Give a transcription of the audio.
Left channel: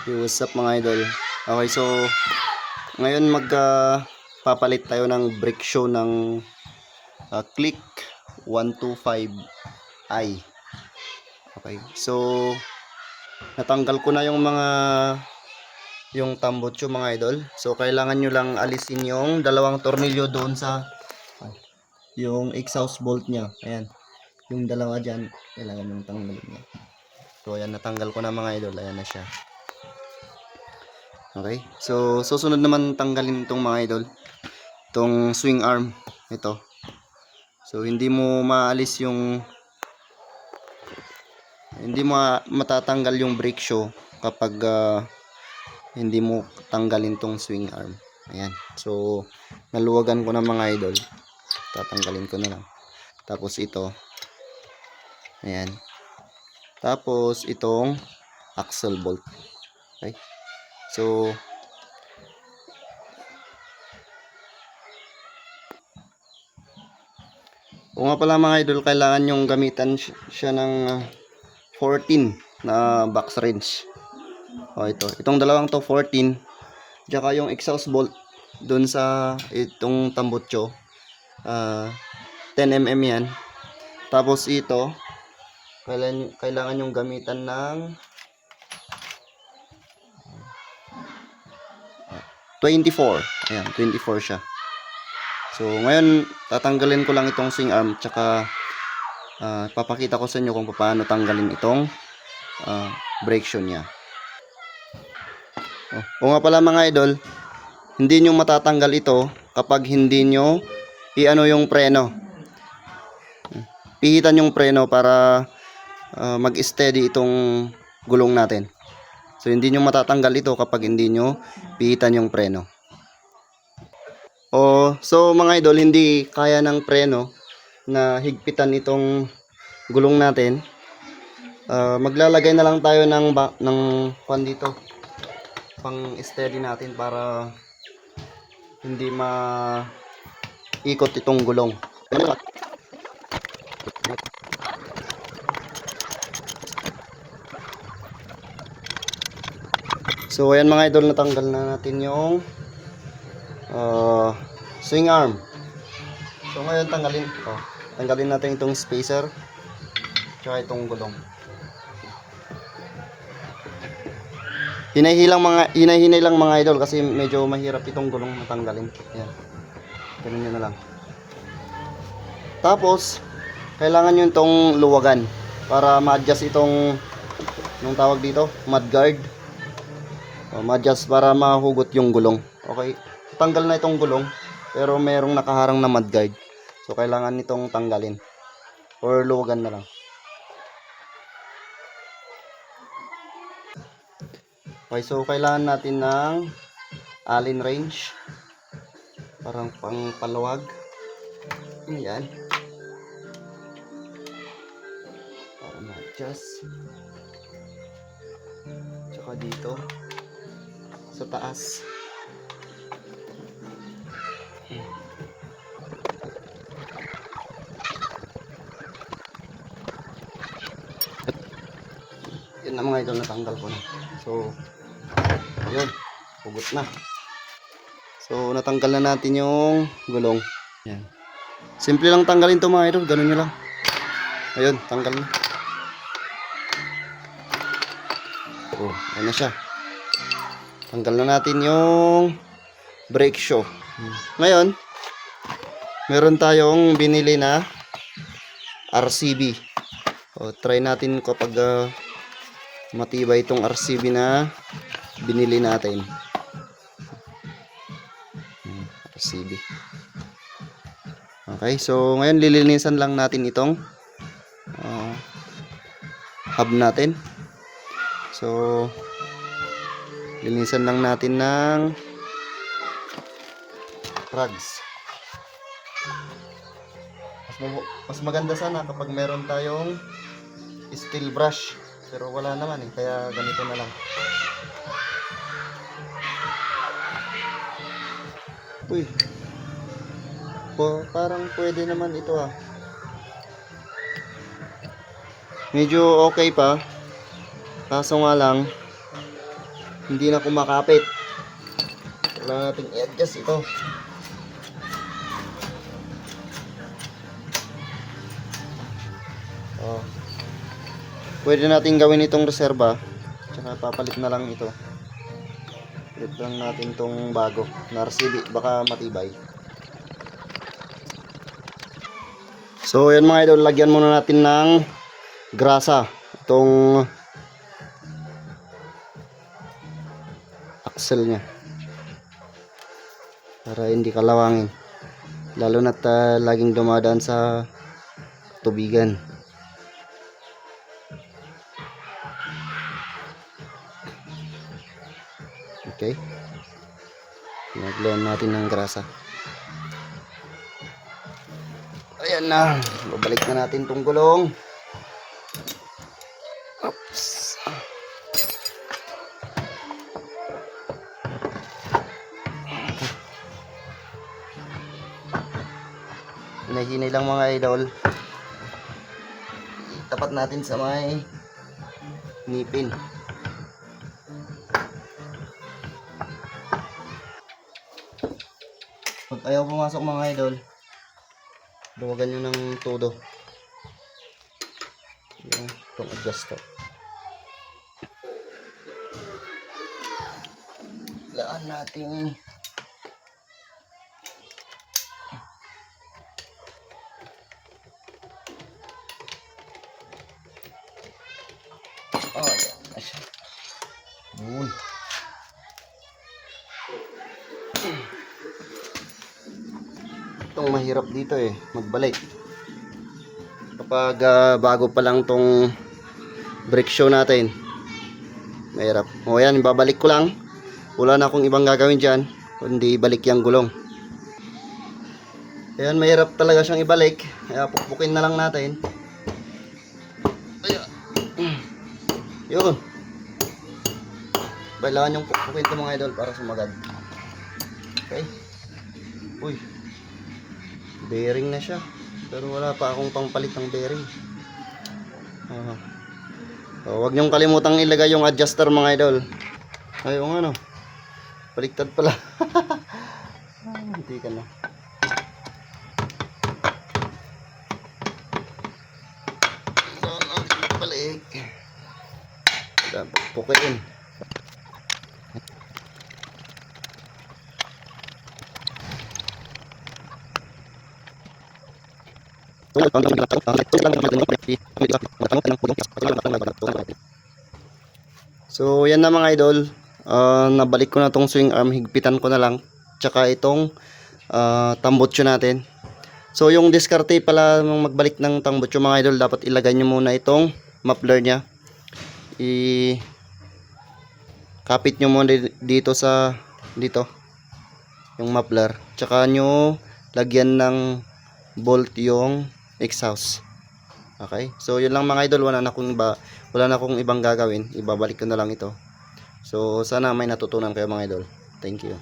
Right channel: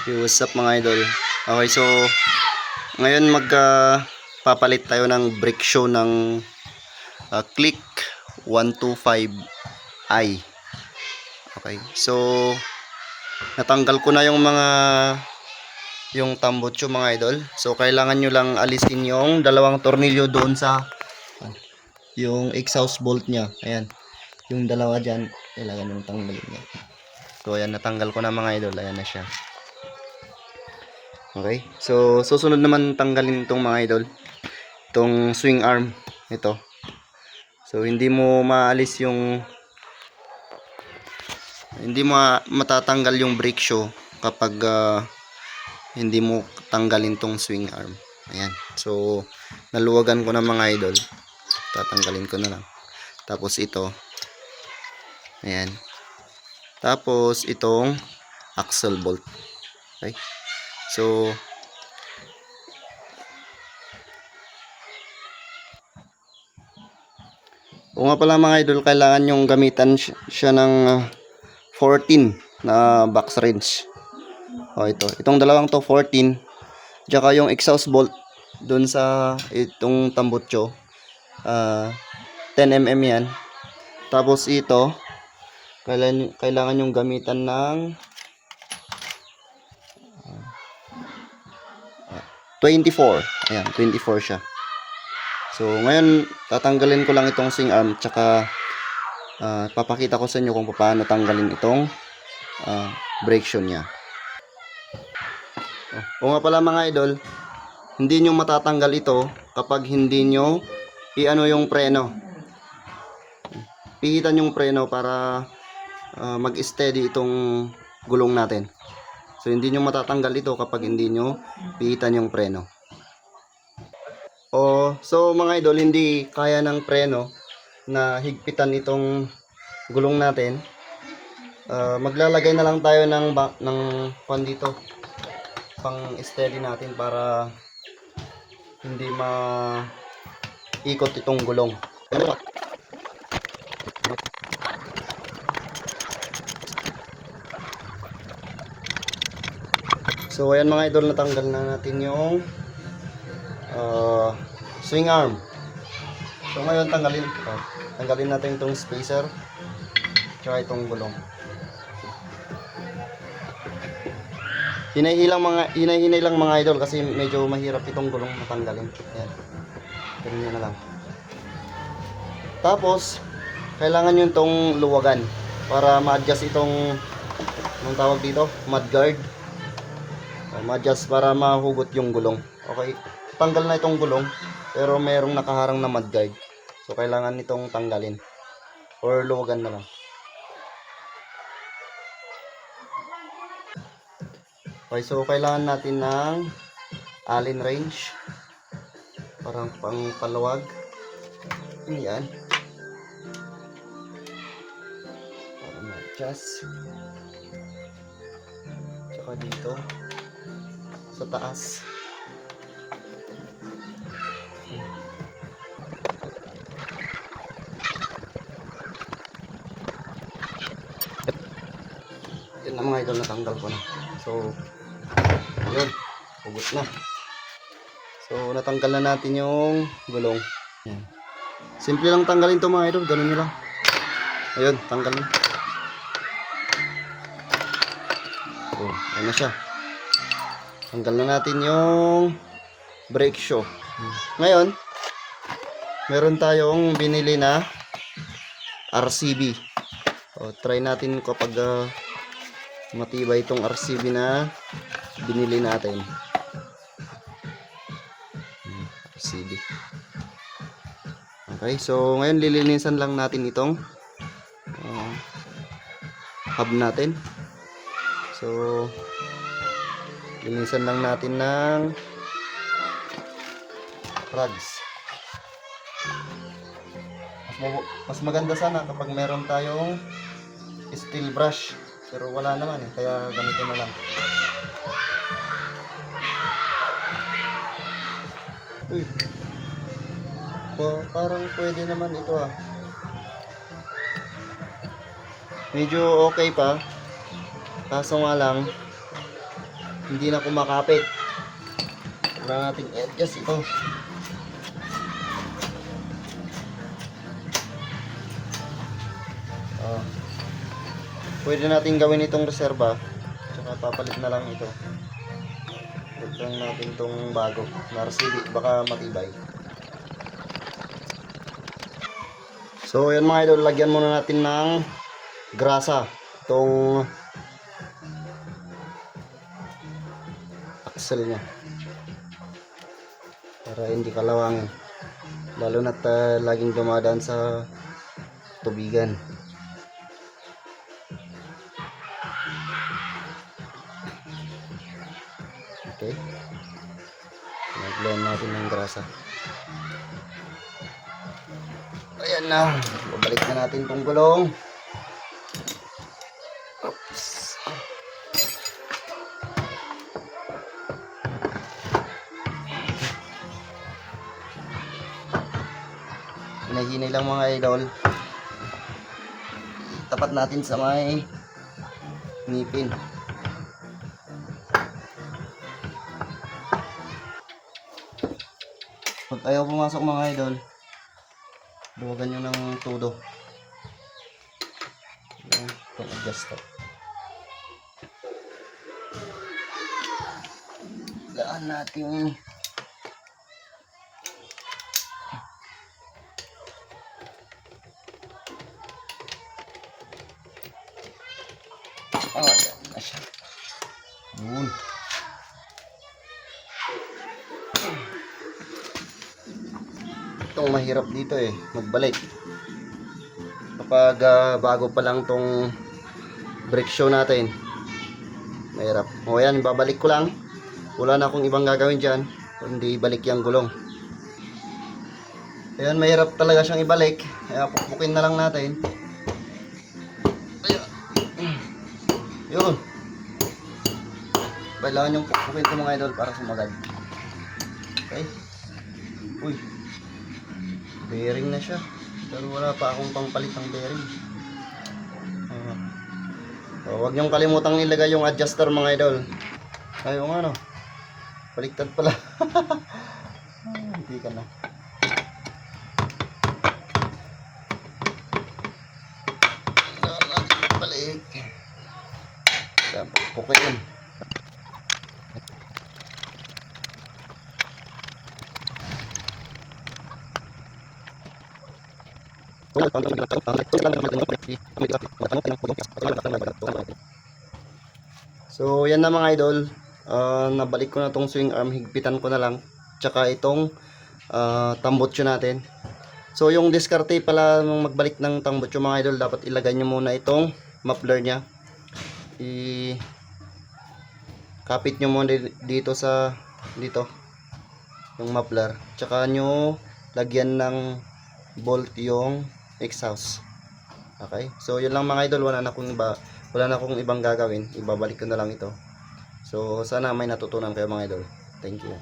Hey, what's up mga idol? Okay, so ngayon papalit tayo ng brake shoe ng Click 125i. Okay, so natanggal ko na yung tambutso mga idol. So kailangan nyo lang alisin yung dalawang tornilyo doon sa yung exhaust bolt nya. Ayan, yung dalawa dyan, kailangan nyo tanggalin niya. So ayan, natanggal ko na mga idol. Ayan na siya. Okay, so susunod naman tanggalin itong mga idol, itong swing arm ito. So hindi mo matatanggal yung brake shoe kapag hindi mo tanggalin tong swing arm. Ayan, so naluwagan ko na mga idol, tatanggalin ko na lang. Tapos ito, ayan, tapos itong axle bolt. Okay, so o nga pala mga idol, kailangan yung gamitan siya ng 14 na box wrench. O itong dalawang to 14, tsaka yung exhaust bolt dun sa itong tambutso 10mm yan. Tapos ito kailangan yung gamitan ng 24. Ayan, 24 siya. So ngayon tatanggalin ko lang itong swing arm, tsaka papakita ko sa inyo kung paano tanggalin itong brake shoe nya. O nga pala mga idol, hindi nyo matatanggal ito kapag hindi nyo i-ano yung preno. Pihitan yung preno para mag-steady itong gulong natin. So hindi nyo matatanggal ito kapag hindi nyo pihitan yung preno. So mga idol, hindi kaya ng preno na higpitan itong gulong natin. Maglalagay na lang tayo ng pan dito pang steady natin para hindi ikot itong gulong. So ayan mga idol, natanggal na natin yung swing arm. So ngayon tanggalin natin itong spacer tsaka itong gulong. Hinay-hinay lang mga idol kasi medyo mahirap itong gulong matanggalin. Ayan, ganun nyo na lang. Tapos kailangan nyo itong luwagan para ma-adjust itong anong tawag dito, mudguard. Ma-adjust para mahugot yung gulong. Okay, tanggal na itong gulong pero mayroong nakaharang na mudguard. So kailangan nitong tanggalin or luwagan na lang. Okay, so kailangan natin ng allen wrench, parang pang paluwag. Yan, para ma-adjust. Tsaka dito sa taas. Yan na mga idol, natanggal ko na. So ayun, hugot na. So natanggal na natin yung gulong. Yan, simple lang tanggalin to mga idol, ganun nyo lang. Ayun, tanggal na. Oh, yan na siya. Tanggal na natin yung brake shoe. Ngayon meron tayong binili na RCB. Try natin kapag matibay itong RCB na binili natin. RCB. Okay, so ngayon lilinisan lang natin itong hub natin. So linisan lang natin ng rags. Mas maganda sana kapag meron tayong steel brush, pero wala naman kaya ganito na lang. Uy, parang pwede naman ito medyo okay pa, kaso nga lang hindi na kumakapit. Kailangan natin i-adjust ito. Oh. Pwede natin gawin itong reserva. Tsaka papalit na lang ito. Palit lang natin itong bago na RCB, baka matibay. So yan mga idol, lagyan muna natin ng grasa itong axle nya para hindi kalawangin, lalo na't laging dumadaan sa tubigan. Okay, naglayan natin ng grasa. Ayan na, babalik na natin tong gulong. Oops. Hinay-hinay lang mga idol. Tapat natin sa may ngipin. Pag ayaw pumasok mga idol, luwagan nyo ng todo. Itong adjuster. Laan natin. Ayan na siya. Yun. Itong mahirap dito magbalik. Kapag bago pa lang tong brake show natin, mahirap. O yan, babalik ko lang. Wala na akong ibang gagawin dyan, kundi balik yung gulong. Ayan, mahirap talaga siyang ibalik. Kaya pukpukin na lang natin. Ayan. Yun. Kailangan yung pukpukin ito mga idol para sumagad. Okay. Uy, bearing na siya. Pero wala pa akong pangpalit ng bearing. So, huwag niyong kalimutang ilagay yung adjuster mga idol. Ay, yung ano, baliktad pala. Hindi ka na. Balik. Pukuin. So yan na mga idol, nabalik ko na tong swing arm, higpitan ko na lang, tsaka itong tambutso natin. So yung diskarte pala nung magbalik ng tambutso mga idol, dapat ilagay nyo muna itong muffler nya, kapit nyo muna dito sa dito yung muffler, tsaka nyo lagyan ng bolt yung exhaust. Okay, so yun lang mga idol, wala na akong ibang gagawin, ibabalik ko na lang ito. So sana may natutunan kayo mga idol. Thank you.